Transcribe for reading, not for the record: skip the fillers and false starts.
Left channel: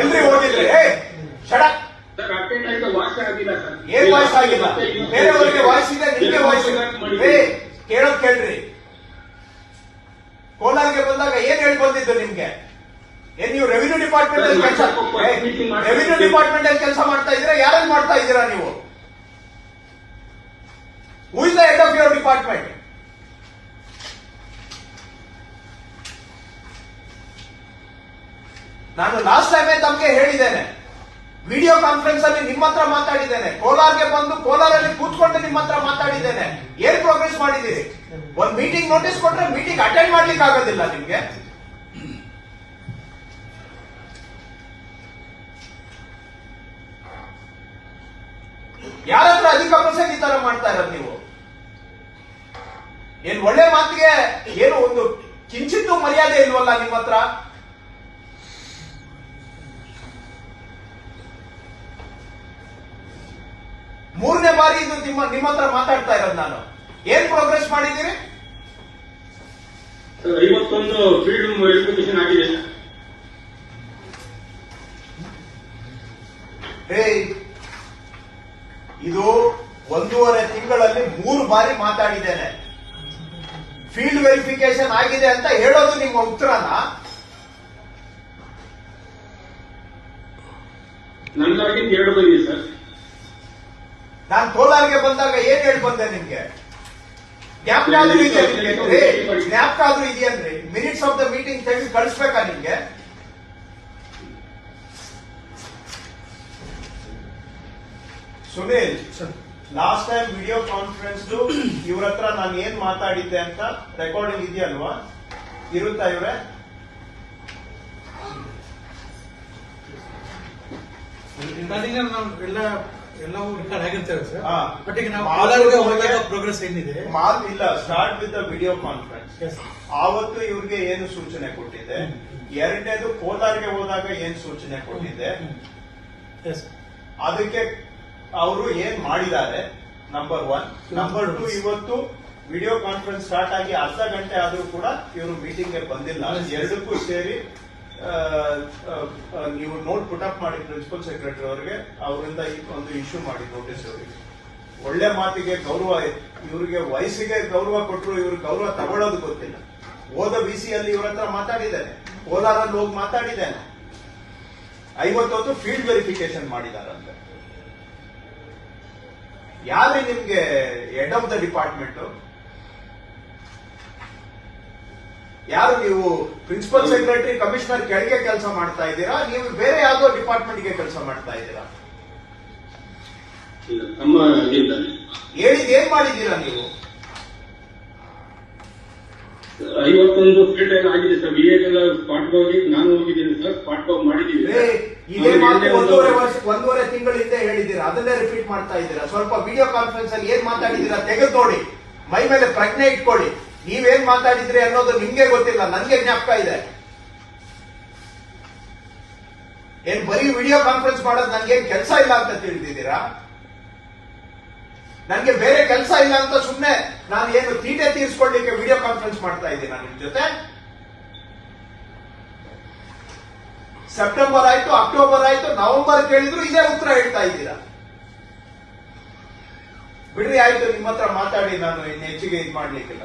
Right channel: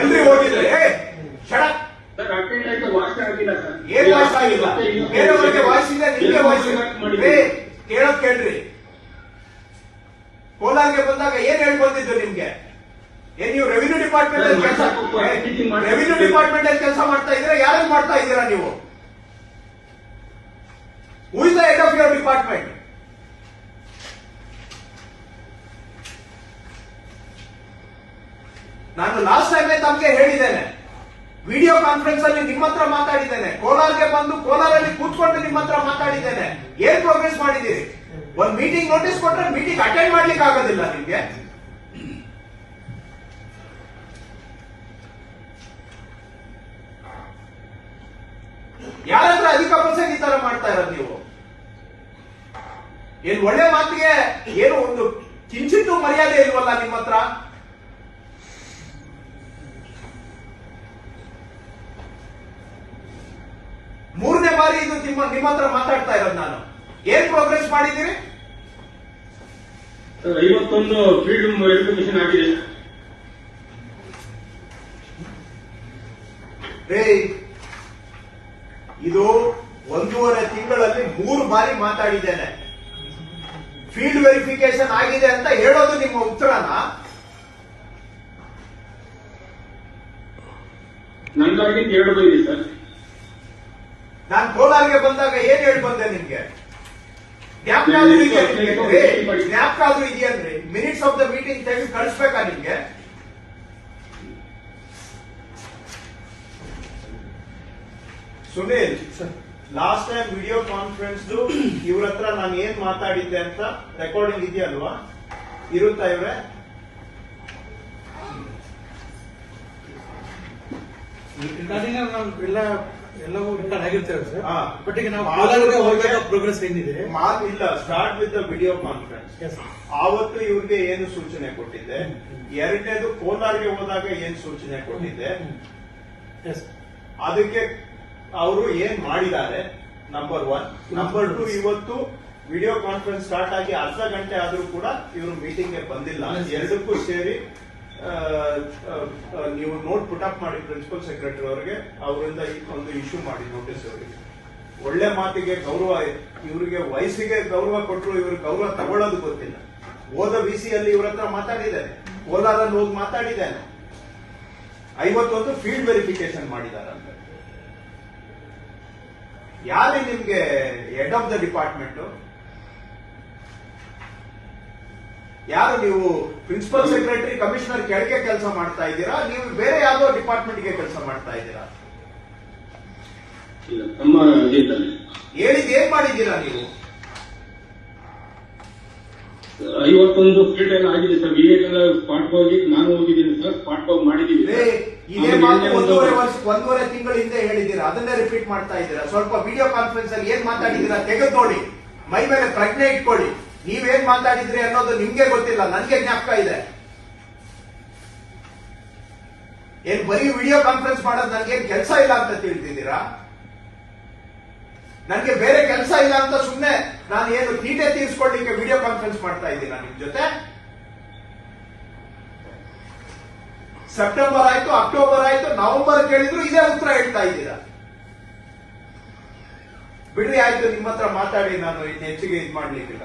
ಎಲ್ರಿ ಹೋಗಿದ್ರೆ ಶಡಕ್ ಏನ್ ವಾಯ್ಸ್ ಆಗಿಲ್ಲ. ಬೇರೆಯವರಿಗೆ ವಾಯ್ಸ್ ಇದೆ, ನಿಮ್ಗೆ ವಾಯ್ಸ್ ಕೇಳೋದ್ ಕೇಳ್ರಿ. ಕೋಲಾರ್ಗೆ ಬಂದಾಗ ಏನ್ ಹೇಳಿ ಬಂದಿದ್ದು ನಿಮ್ಗೆ? ಏನ್ ನೀವು ರೆವಿನ್ಯೂ ಡಿಪಾರ್ಟ್ಮೆಂಟ್ ಅಲ್ಲಿ ಕೆಲಸ ಮಾಡ್ತಾ ಇದ್ದೀರಾ? ಯಾರಲ್ಲಿ ಮಾಡ್ತಾ ಇದ್ದೀರಾ ನೀವು? Who is the head of your department? ನಾನು ಲಾಸ್ಟ್ ಟೈಮೇ ತಮಗೆ ಹೇಳಿದ್ದೇನೆ, ವಿಡಿಯೋ ಕಾನ್ಫರೆನ್ಸ್ ಅಲ್ಲಿ ನಿಮ್ಮ ಹತ್ರ ಮಾತಾಡಿದ್ದೇನೆ, ಕೋಲಾರ್ಗೆ ಬಂದು ಕೋಲಾರಲ್ಲಿ ಕೂತ್ಕೊಂಡು ನಿಮ್ಮ ಹತ್ರ ಮಾತಾಡಿದ್ದೇನೆ. ಏನ್ ಪ್ರೋಗ್ರೆಸ್ ಮಾಡಿದ್ದೀರಿ? ಒಂದ್ ಮೀಟಿಂಗ್ ನೋಟಿಸ್ ಕೊಟ್ರೆ ಮೀಟಿಂಗ್ ಅಟೆಂಡ್ ಮಾಡ್ಲಿಕ್ಕೆ ಆಗೋದಿಲ್ಲ ನಿಮ್ಗೆ. ಯಾರತ್ರ ಅಧಿಕ ಪ್ರಸಂಗ ಈ ತರ ಮಾಡ್ತಾ ಇರೋದು ನೀವು? ಏನ್ ಒಳ್ಳೆ ಮಾತಿಗೆ ಏನು ಒಂದು ಕಿಂಚಿತ್ತೂ ಮರ್ಯಾದೆ ಇಲ್ವಲ್ಲ ನಿಮ್ಮ ಹತ್ರ? ಮೂರನೇ ಬಾರಿ ಇದು ನಿಮ್ಮ ಹತ್ರ ಮಾತಾಡ್ತಾ ಇರೋದು ನಾನು. ಏನ್ ಪ್ರೋಗ್ರೆಸ್ ಮಾಡಿದ್ದೀರಿ? 51 ಫೀಲ್ಡ್ ವೆರಿಫಿಕೇಶನ್ ಆಗಿದೆ. ಇದು 1.5 ತಿಂಗಳಲ್ಲಿ 3 ಬಾರಿ ಮಾತಾಡಿದ್ದೇನೆ. ಫೀಲ್ಡ್ ವೆರಿಫಿಕೇಶನ್ ಆಗಿದೆ ಅಂತ ಹೇಳೋದು ನಿಮ್ಮ ಉತ್ತರನ? ನನ್ನಾಗಿಂದ 2 ಬಂದಿದೆ ಸರ್. ನಾನು ಕೋಲಾರ್ಗೆ ಬಂದಾಗ ಏನ್ ಹೇಳಿ ಬಂದೆ ನಿಮ್ಗೆ? ಜ್ಞಾಪಕ ಆದ್ರೂ ಇದೆಯನ್ರಿ? ಮಿನಿಟ್ಸ್ ಆಫ್ ದ ಮೀಟಿಂಗ್ ತೆಗೆದು ಕಳಿಸ್ಬೇಕಾ ನಿಮ್ಗೆ? Sunil, last time video conference ಇವ್ರ ಹತ್ರ ನಾನು ಏನ್ ಮಾತಾಡಿದ್ದೆ ಅಂತ ರೆಕಾರ್ಡಿಂಗ್ ಇದೆಯಲ್ವಾ? ಇರುತ್ತಾ ಇವ್ರೆ? ಎಲ್ಲವೂ ರೆಕಾರ್ಡ್ ಆಗಿರ್ತೇವೆ ಸರ್. ಬಟ್ ಈಗ ನಾವು ಪ್ರೋಗ್ರೆಸ್ ಏನಿದೆ ಇಲ್ಲ. Start with the video conference. ಆವತ್ತು ಇವ್ರಿಗೆ ಏನು ಸೂಚನೆ ಕೊಟ್ಟಿದ್ದೆ? ಎರಡನೇದು ಕೋಲಾರ್ಗೆ ಹೋದಾಗ ಏನ್ ಸೂಚನೆ ಕೊಟ್ಟಿದ್ದೆ? ಅದಕ್ಕೆ ಅವರು ಏನ್ ಮಾಡಿದ್ದಾರೆ? ನಂಬರ್ 1. ನಂಬರ್ 2, ಇವತ್ತು ವಿಡಿಯೋ ಕಾನ್ಫರೆನ್ಸ್ ಸ್ಟಾರ್ಟ್ ಆಗಿ ಅರ್ಧ ಗಂಟೆ ಆದ್ರೂ ಕೂಡ ಇವರು ಮೀಟಿಂಗ್ಗೆ ಬಂದಿಲ್ಲ. ಎರಡಕ್ಕೂ ಸೇರಿ ನೀವು ನೋಟ್ ಪುಟ್ ಅಪ್ ಮಾಡಿ ಪ್ರಿನ್ಸಿಪಲ್ ಸೆಕ್ರೆಟರಿ ಅವರಿಗೆ, ಅವರಿಂದ ಒಂದು ಇಶ್ಯೂ ಮಾಡಿ ನೋಟಿಸ್ ಅವರಿಗೆ. ಒಳ್ಳೆ ಮಾತಿಗೆ ಗೌರವ, ಇವರಿಗೆ ವಯಸ್ಸಿಗೆ ಗೌರವ ಕೊಟ್ಟರು, ಇವ್ರಿಗೆ ಗೌರವ ತಗೊಳ್ಳೋದು ಗೊತ್ತಿಲ್ಲ. ಹೋದ ಬಿಸಿಯಲ್ಲಿ ಇವ್ರ ಹತ್ರ ಮಾತಾಡಿದ್ದೇನೆ, ಕೋಲಾರಲ್ಲಿ ಹೋಗಿ ಮಾತಾಡಿದ್ದೇನೆ. 51 ಫೀಲ್ಡ್ ವೆರಿಫಿಕೇಶನ್ ಮಾಡಿದಾರಂತ. ಯಾರೇ ನಿಮ್ಗೆ ಹೆಡ್ ಆಫ್ ದ ಡಿಪಾರ್ಟ್ಮೆಂಟ್? ಯಾರು ನೀವು? ಪ್ರಿನ್ಸಿಪಲ್ ಸೆಕ್ರೆಟರಿ, ಕಮಿಷನರ್ ಕೆಳಗೆ ಕೆಲಸ ಮಾಡ್ತಾ ಇದ್ದೀರಾ? ನೀವು ಬೇರೆ ಯಾವುದೋ ಡಿಪಾರ್ಟ್ಮೆಂಟ್ಗೆ ಕೆಲಸ ಮಾಡ್ತಾ ಇದ್ದೀರಾ? ಹೇಳಿದ್ ಏನ್ ಮಾಡಿದ್ದೀರಾ ನೀವು? 51 ಫೀಲ್ಡ್ ಎಲ್ಲ ಆಗಿದೆ ಸರ್. ವಿವೇಕೆಲ್ಲ ಸ್ಪಾಟ್ ಹೋಗಿ ನಾನು ಹೋಗಿದ್ದೀನಿ ಸರ್. ಸ್ಪಾಟ್ ಹೋಗಿ ಮಾಡಿದ್ದೀವಿ. ಇದೇ ಮಾತು 1.5 ತಿಂಗಳ ಹಿಂದೆ ಹೇಳಿದ್ದೀರಾ, ಅದನ್ನೇ ರಿಪೀಟ್ ಮಾಡ್ತಾ ಇದ್ದೀರಾ. ಸ್ವಲ್ಪ ವಿಡಿಯೋ ಕಾನ್ಫರೆನ್ಸ್ ಅಲ್ಲಿ ಏನ್ ಮಾತಾಡಿದ್ದೀರಾ ತೆಗೆದು ನೋಡಿ, ಮೈ ಮೇಲೆ ಪ್ರಜ್ಞೆ ಇಟ್ಕೊಳ್ಳಿ. ನೀವೇನ್ ಮಾತಾಡಿದ್ರಿ ಅನ್ನೋದು ನಿಮ್ಗೆ ಗೊತ್ತಿಲ್ಲ, ನನ್ಗೆ ಜ್ಞಾಪಕ ಇದೆ. ಏನ್ ಬರೀ ವಿಡಿಯೋ ಕಾನ್ಫರೆನ್ಸ್ ಮಾಡೋದು ನನ್ಗೇನ್ ಕೆಲಸ ಇಲ್ಲ ಅಂತ ತಿಳಿದಿದ್ದೀರಾ? ನನ್ಗೆ ಬೇರೆ ಕೆಲಸ ಇಲ್ಲ ಅಂತ ಸುಮ್ಮನೆ ನಾನು ಏನು ತೀಟೆ ತೀರಿಸ್ಕೊಳ್ಳಿಕ್ಕೆ ವಿಡಿಯೋ ಕಾನ್ಫರೆನ್ಸ್ ಮಾಡ್ತಾ ಇದ್ದೀರಾ ನಿಮ್ ಜೊತೆ? ಸೆಪ್ಟೆಂಬರ್ ಆಯ್ತು, ಅಕ್ಟೋಬರ್ ಆಯ್ತು, ನವೆಂಬರ್ ಕೇಳಿದ್ರು ಇದೇ ಉತ್ತರ ಹೇಳ್ತಾ ಇದ್ದೀರಾ. ಬಿಡ್ರಿ, ಆಯ್ತು, ನಿಮ್ಮ ಹತ್ರ ಮಾತಾಡಿ, ನಾನು ಇನ್ನು ಹೆಚ್ಚಿಗೆ ಇದು ಮಾಡ್ಲಿಕ್ಕಿಲ್ಲ.